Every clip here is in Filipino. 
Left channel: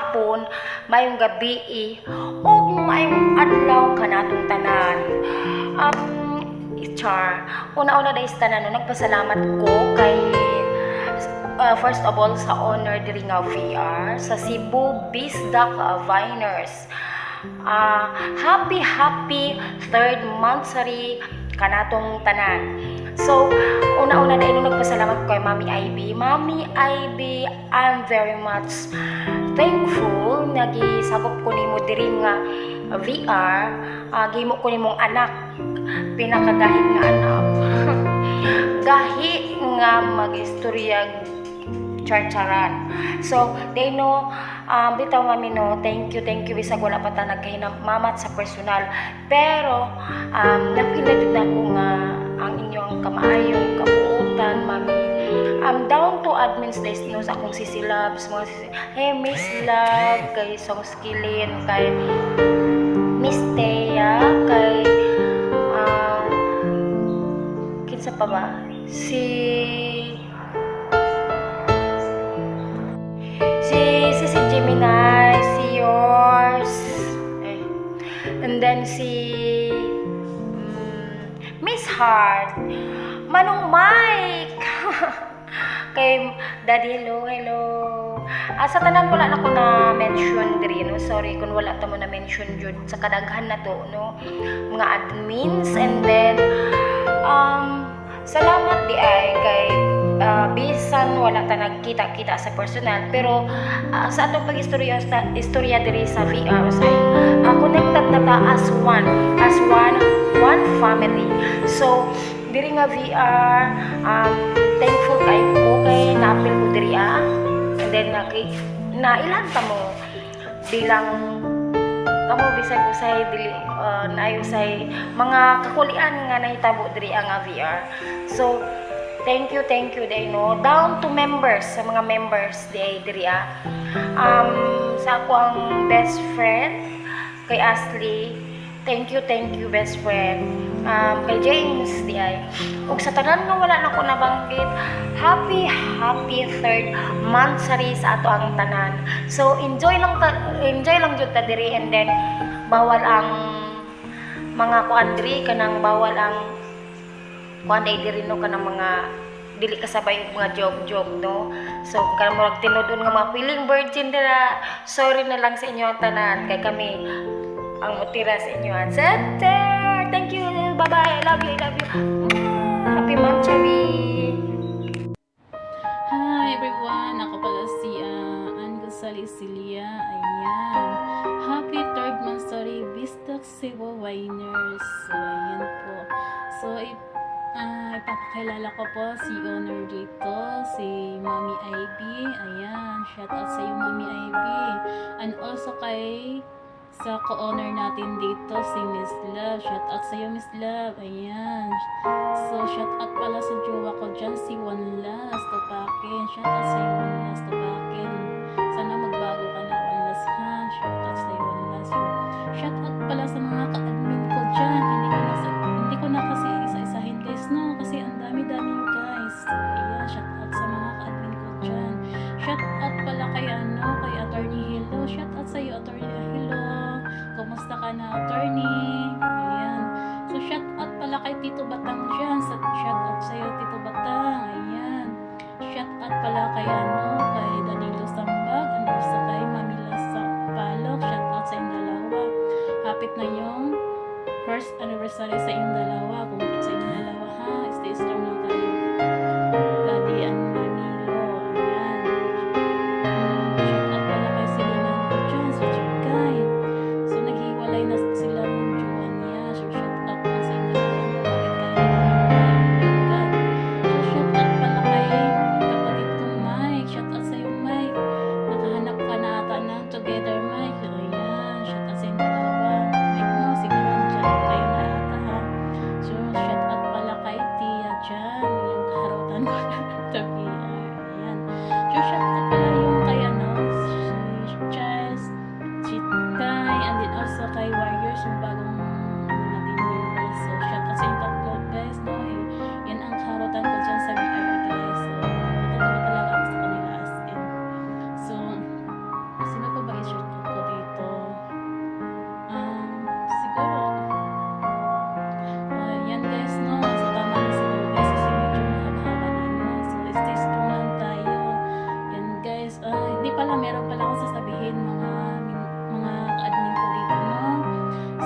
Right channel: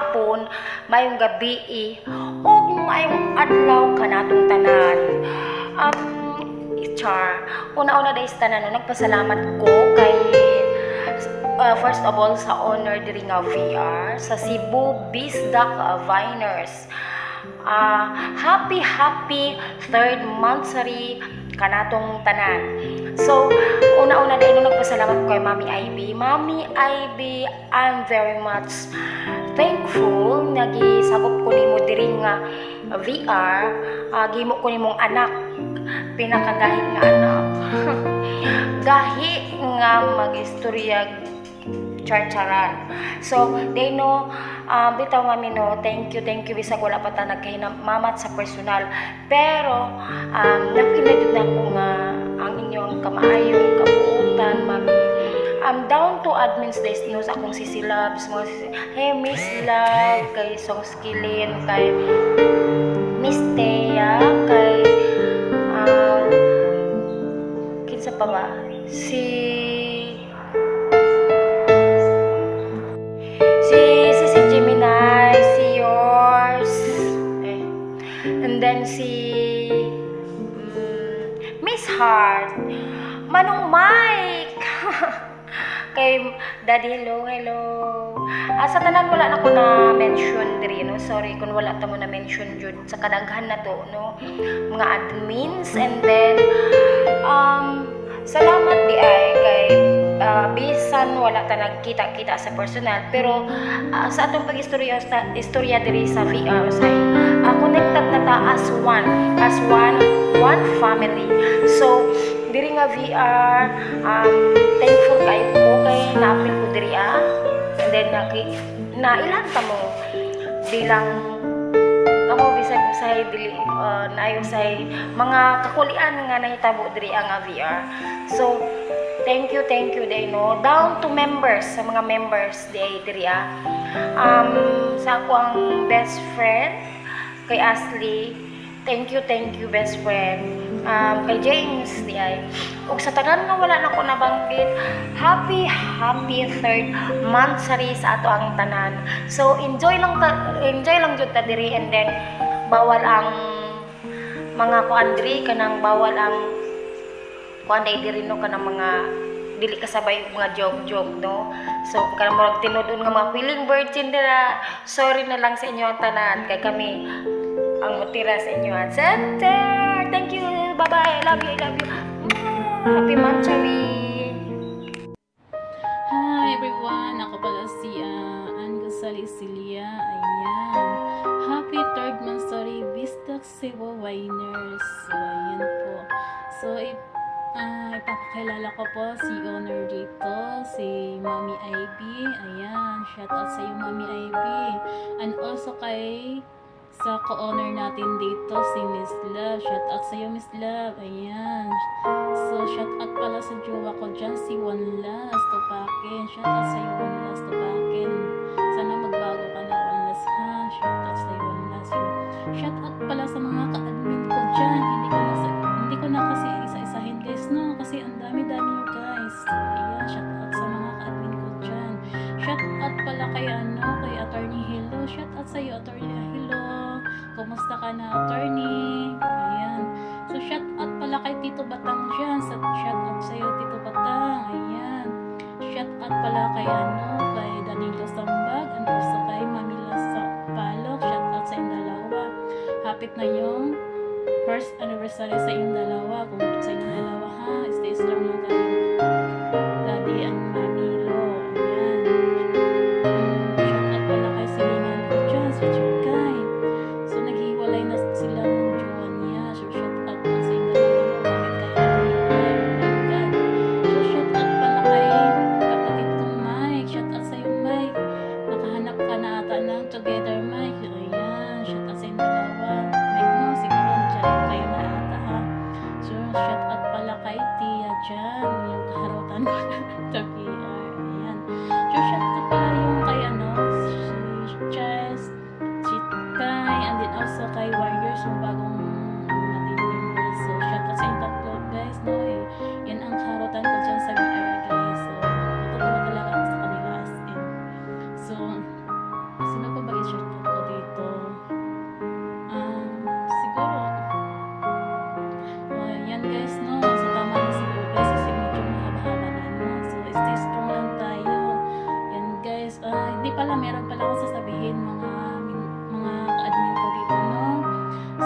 hapon, mayong gabi, ug mayong adlaw kanatong tanan. Char, una-una dahil sa tanan, nagpasalamat ko kay first of all sa honor diri nga VR sa Cebu Bisdak Viners. Happy third monthsary kanatong tanan. So, una-una dahil nagpasalamat ko kay Mami IB. Mami IB, I'm very much thankful nagisagop ko nimo diri nga VR, gimo ko nimong anak, pinakagahi nga anak. Gahi nga mag-istorya charcharan. So, they know, bitaw mami no, thank you bisag wala pa ta nagkahinamamat sa personal. Pero, napinadud na ko nga ang inyong kamaayong kabuutan, mami. Down to admins days no sa akong sisilabs, mga hey Miss Love, kay Song Skillin, kay Miss Thea, kay kinsa pa ba? Si Gemini, si yours, and then si Miss Heart, Manong Mike, kay Daddy, hello. Sa tanan wala na ko na mention diri no. Sorry kung wala ta mo na mention jud sa kadaghan na to no. Mga admins, and then salamat di ay kay bisan wala ta nagkita-kita sa personal, pero sa atong pag-istorya diri sa VR say connected na ta as one family. So diri nga VR, thankful kay ko kay naapil ko diri and then nailan ta mo bilang kamo bisag usay dili naayo say mga kakulian nga nahitabo diri nga VR. So thank you day no, down to members, sa mga members diri sa ako ang best friend kay Ashley, thank you best friend. Kay James di ay ug sa tanan nga wala na ko nabanggit, happy third monthsary sa ato ang tanan. So enjoy lang jud ta diri, and then bawal ang mga kuandri kanang bawal ang kuanday diri no kanang mga dili kasabay og mga joke no. So kung kanang murag tinudon nga mga feeling virgin dira, sorry na lang sa inyo ang tanan kay kami ang mutira sa inyo. Thank you, bye bye, I love you. Happy monthsary. Hi everyone, ako pala si Ann Gonzales Cilia. Ayan, happy third monthsary Bisdak Cebu Viners. So ayan po. So ipapakilala ko po si owner dito, si Mami IB. Ayan, shout out sa iyo Mami IB. And also kay sa co-owner natin dito, si Miss Love. Shout out sa iyo Miss Love. Ayan. So shout out pala sa jowa ko dyan, si One Last Tupakin. Shout out sa iyo One Last Tupakin. Sana magbago ka na One Last ha. Shout out sa iyo One Last. Shout out pala sa mga ka-admin ko dyan. Hindi ko na kasi isa-isahin guys no, kasi ang dami-dami nyo guys. So ayan, shout out sa mga ka-admin ko dyan. Shout out pala kay kay Attorney Hello. Shout out sa iyo Attorney Hello. Kumusta ka na attorney? Ayan. So shout out pala kay Tito Batang dyan. Shout out sa iyo Tito Batang. Ayan. Shout out pala kay kay Danilo Sambag, and also kay Mamila Palok. Shout out sa inyong dalawa. Hapit na yung first anniversary sa inyong dalawa. Kung sa inyong dalawa ha, stay strong lang kayo. Daddy and Mamilo. Ayan. Shout out pala kay Silingan ko dyan, si Chukay. So naghiwalay na sila ng jowa niya. So shout out na sa inyong dalawa. Bakit kayo naghiwalay? Oh my God. So shout out pala kay kapatid kong Mike. Shout out sa iyo Mike. Nakahanap ka na ata ng Together Mike. So ayan. Shout out sa inyong dalawa. Mike no, siguro dyan kayo na ata ha. So shout out pala kay Tia dyan. Yung kaharutan ko na sa PR. Ayan. So shout out pala yung kay si Chess, si Kai, and then also kay Warriors, yung bagong natin members. So shout out sa inyong tatlo guys no. Yan ang kaharutan ko dyan sa VR guys. So natutuwa talaga ako sa kanila as in. So sino pa ba pala, meron pala akong sasabihin mga ka-admin ko dito, no?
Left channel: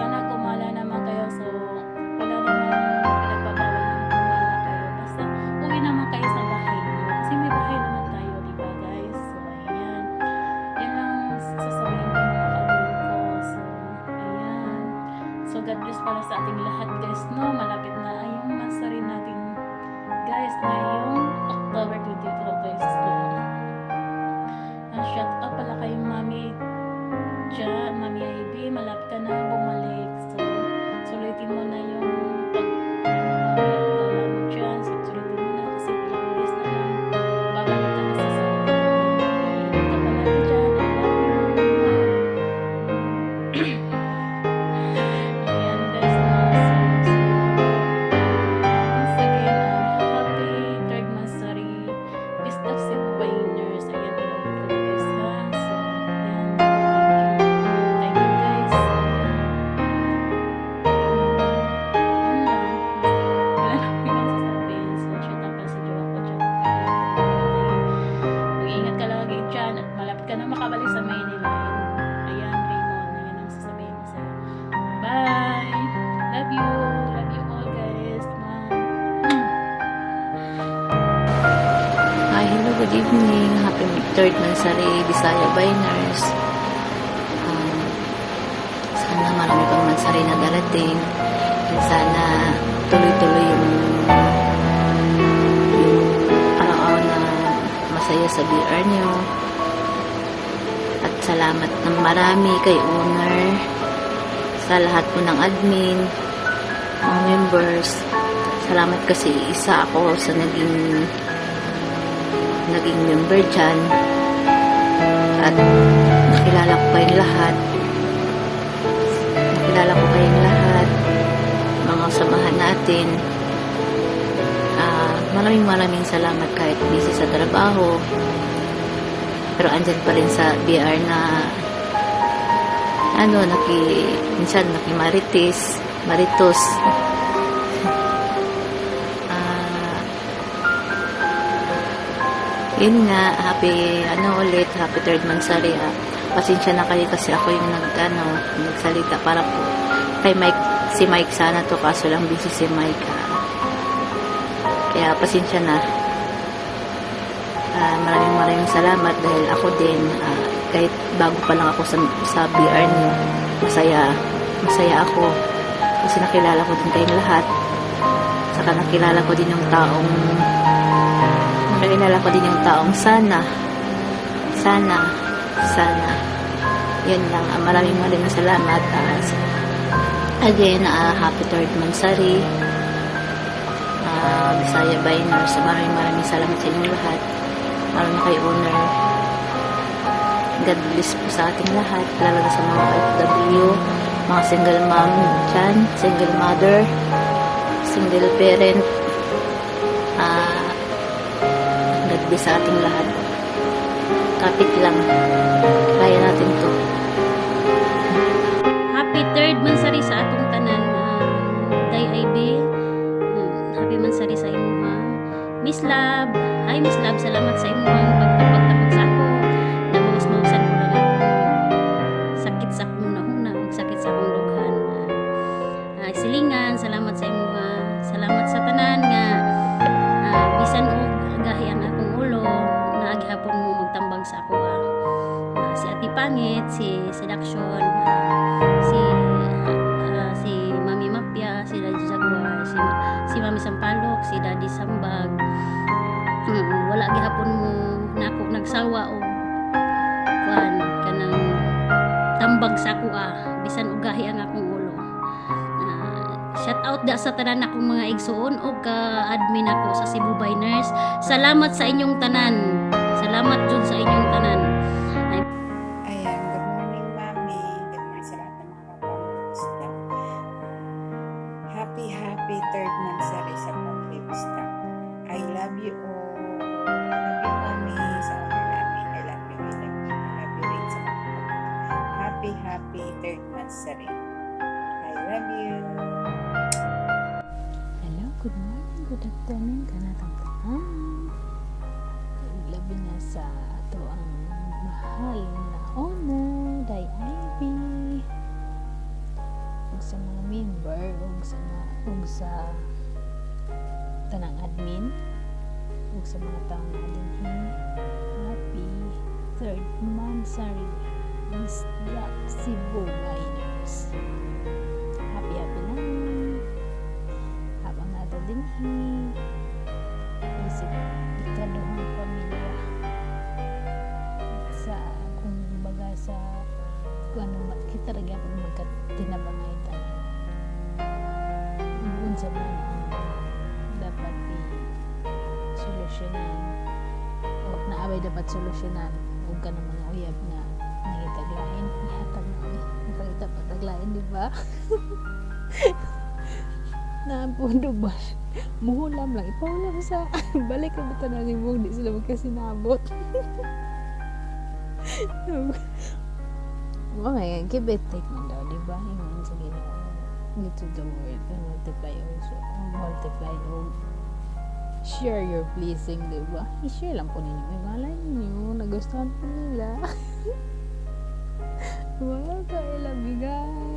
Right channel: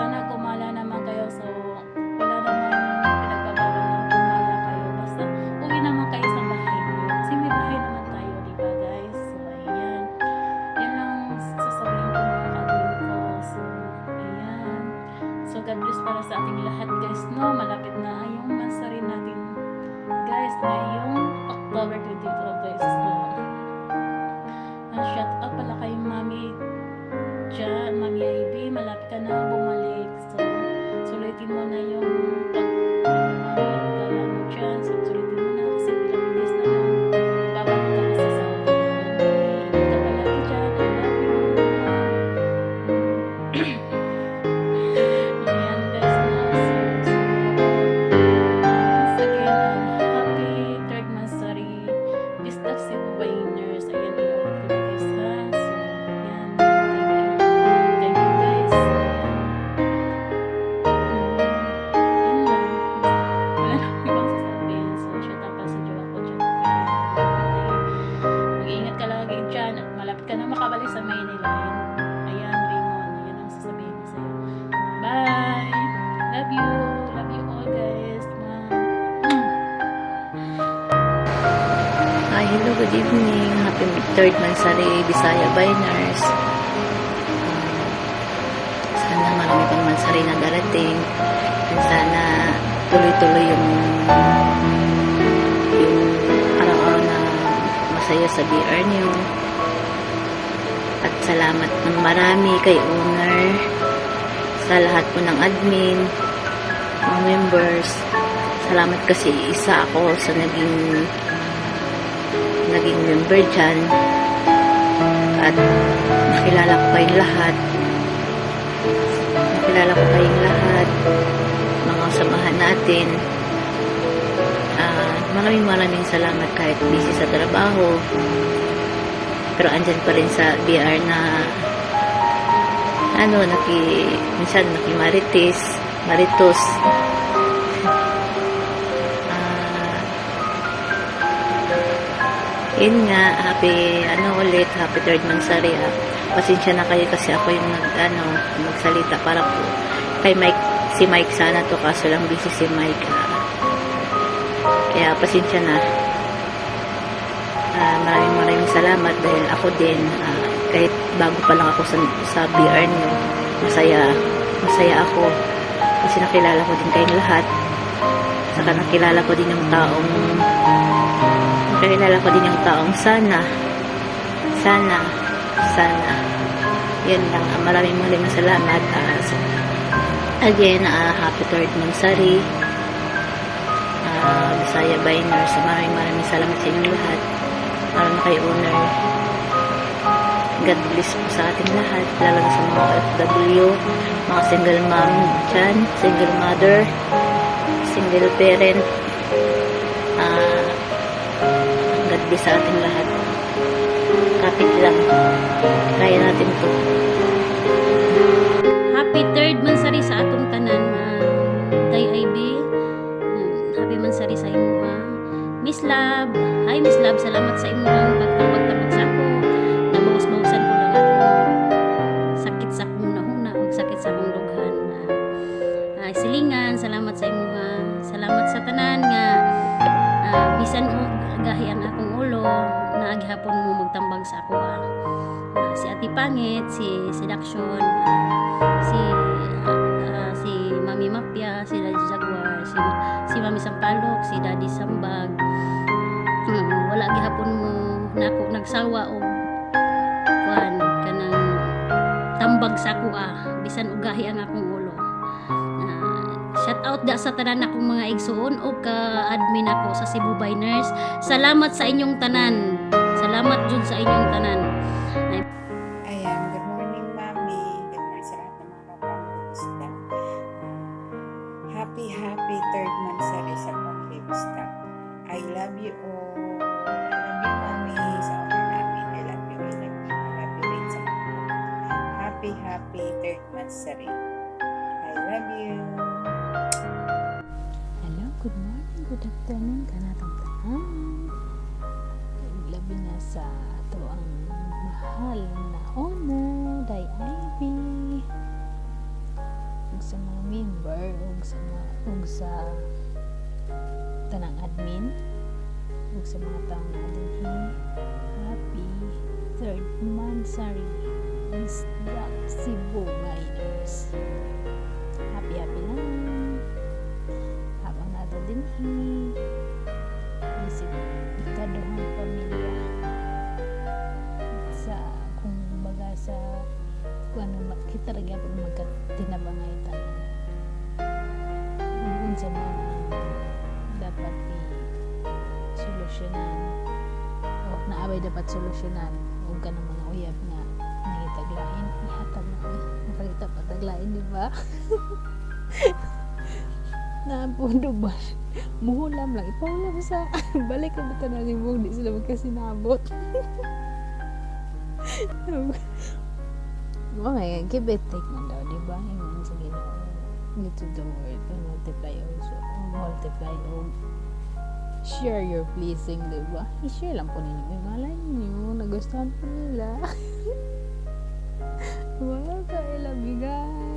Sana gumala naman kayo. So, wala namang pinagbabawal ng gumala kayo. Basta, uwi naman kayo sa bahay niyo. Kasi may bahay naman tayo, di ba guys? So, ayan. Yan lang sasabihin ko mga ka-admin ko. So, ayan. So, God bless para sa ating lahat guys, no? Malapit na yung mansari natin guys, ngayong October 22 guys. So, shout out pala kay Mami dyan, Mami IB, malapit ka na bumalik. So, sulitin mo na yung pag-Mami at gala mo dyan. So, sulitin mo na kasi ilang days na lang babalik ka na sa Saudi. Mami, ingat ka palagi dyan. I love you. Ayan guys, no? So, once again, happy third monthsary Bisdak Cebu Wainers. Ayan, inuulit ko na guys ha. So, ayan, thank you guys. Ayan. Yan lang. Wala na ibang sasabihin. So, shout out pa sa jowa ko dyan. Mag-iingat ka lagi dyan at malapit ka na makabalik sa Maynila. Ayan, Raymond. Ayan ang sasabihin ko sa'yo. Bye! Love you! Love you all guys. Hi, hello, good evening. Happy third Mansari, Bisaya Biners. Sana marami pang Mansari na darating. And sana tuloy-tuloy yung araw-araw na masaya sa BR nyo. At salamat ng marami kay owner, sa lahat po ng admin, mga members. Salamat kasi isa ako sa naging member dyan at nakilala ko kayong lahat mga samahan natin. Maraming salamat kahit busy sa trabaho pero andyan pa rin sa BR na minsan Maritos. Yun nga, happy third Mansari. Pasensya na kayo kasi ako yung nagsalita para po kay si Mike sana to, kaso lang busy si Mike. Kaya pasensya na. Maraming salamat dahil ako din, kahit bago pa lang ako sa BR niyo, masaya ako kasi nakilala ko din kayong lahat. Saka nakilala ko din yung taong sana yan lang. Maraming salamat. Again, happy third Mansari, Bisaya Biners. Maraming salamat sa inyong lahat, lalo na kay owner. God bless po sa ating lahat, lalo na sa mga OFW, mga single mom dyan, single mother, single parent. God bless sa ating lahat. Kapit lang, kaya natin to. Happy third Mansari sa atong tanan, Day IB. Happy Mansari sa imuha. Miss Lab, hi Miss Lab, salamat sa imuhang pagtapag sa ako. Nabawas-bawasan ko lang ako sakit sa akong nahuna o sakit sa akong dughan. Silingan, salamat sa imuha. Salamat sa tanan nga bisan og gahi ang akong ulo, naagihapon mo magtambag sa ako. Si Ati Pangit, si Seduction, si Mami Mapia, si Daddy Jaguar, si Mami Sampalok, si Daddy Sambag. Wala gihapon mo nako nagsawa og kuan kanang tambag sa ako bisan og gahi ang akong ulo. Shout out da sa tanan akong mga igsoon o ka-admin ako sa Cebu Biners. Salamat sa inyong tanan. Salamat jud sa inyong tanan. Ayan, good morning Mami. Good morning sa lahat ng mga kapamilya. Happy third Mansari sa Pamilya Vista. I love you all. I love you Mami sa owner namin. I love you rin sa mga kapatid. Happy third Mansari. I love you. Hello, good morning, good afternoon, kanatang tanan. Labi na sa ato ang mahal na owner, Day Ivy, ug sa mga member, ug sa tanang admin, ug sa mga taong na dinhi. Happy 3rd Mansari Bisdak Cebu Miners. Happy lang habang nato dinhi isip ikaduhang pamilya sa kung baga sa kung ano kita rin po magkatinabangay tanan unsa man ang dapat i-solusyonan o naabay dapat solusyonan huwag ka ng mga uyab nga nangitaglain ihatag na makakita pa taglain di ba? Naampundo ba? Muhulam lang. Ipaulam sa balik na bata na limog. Di sila magkasinabot. Okay, give it take man daw, diba? Yung sa Ginoo. Get to the word and multiply also. Multiply o share your pleasing, diba? I-share lang po ninyo. May malay ninyo. Nagustuhan po nila. Wala ka, I love you guys.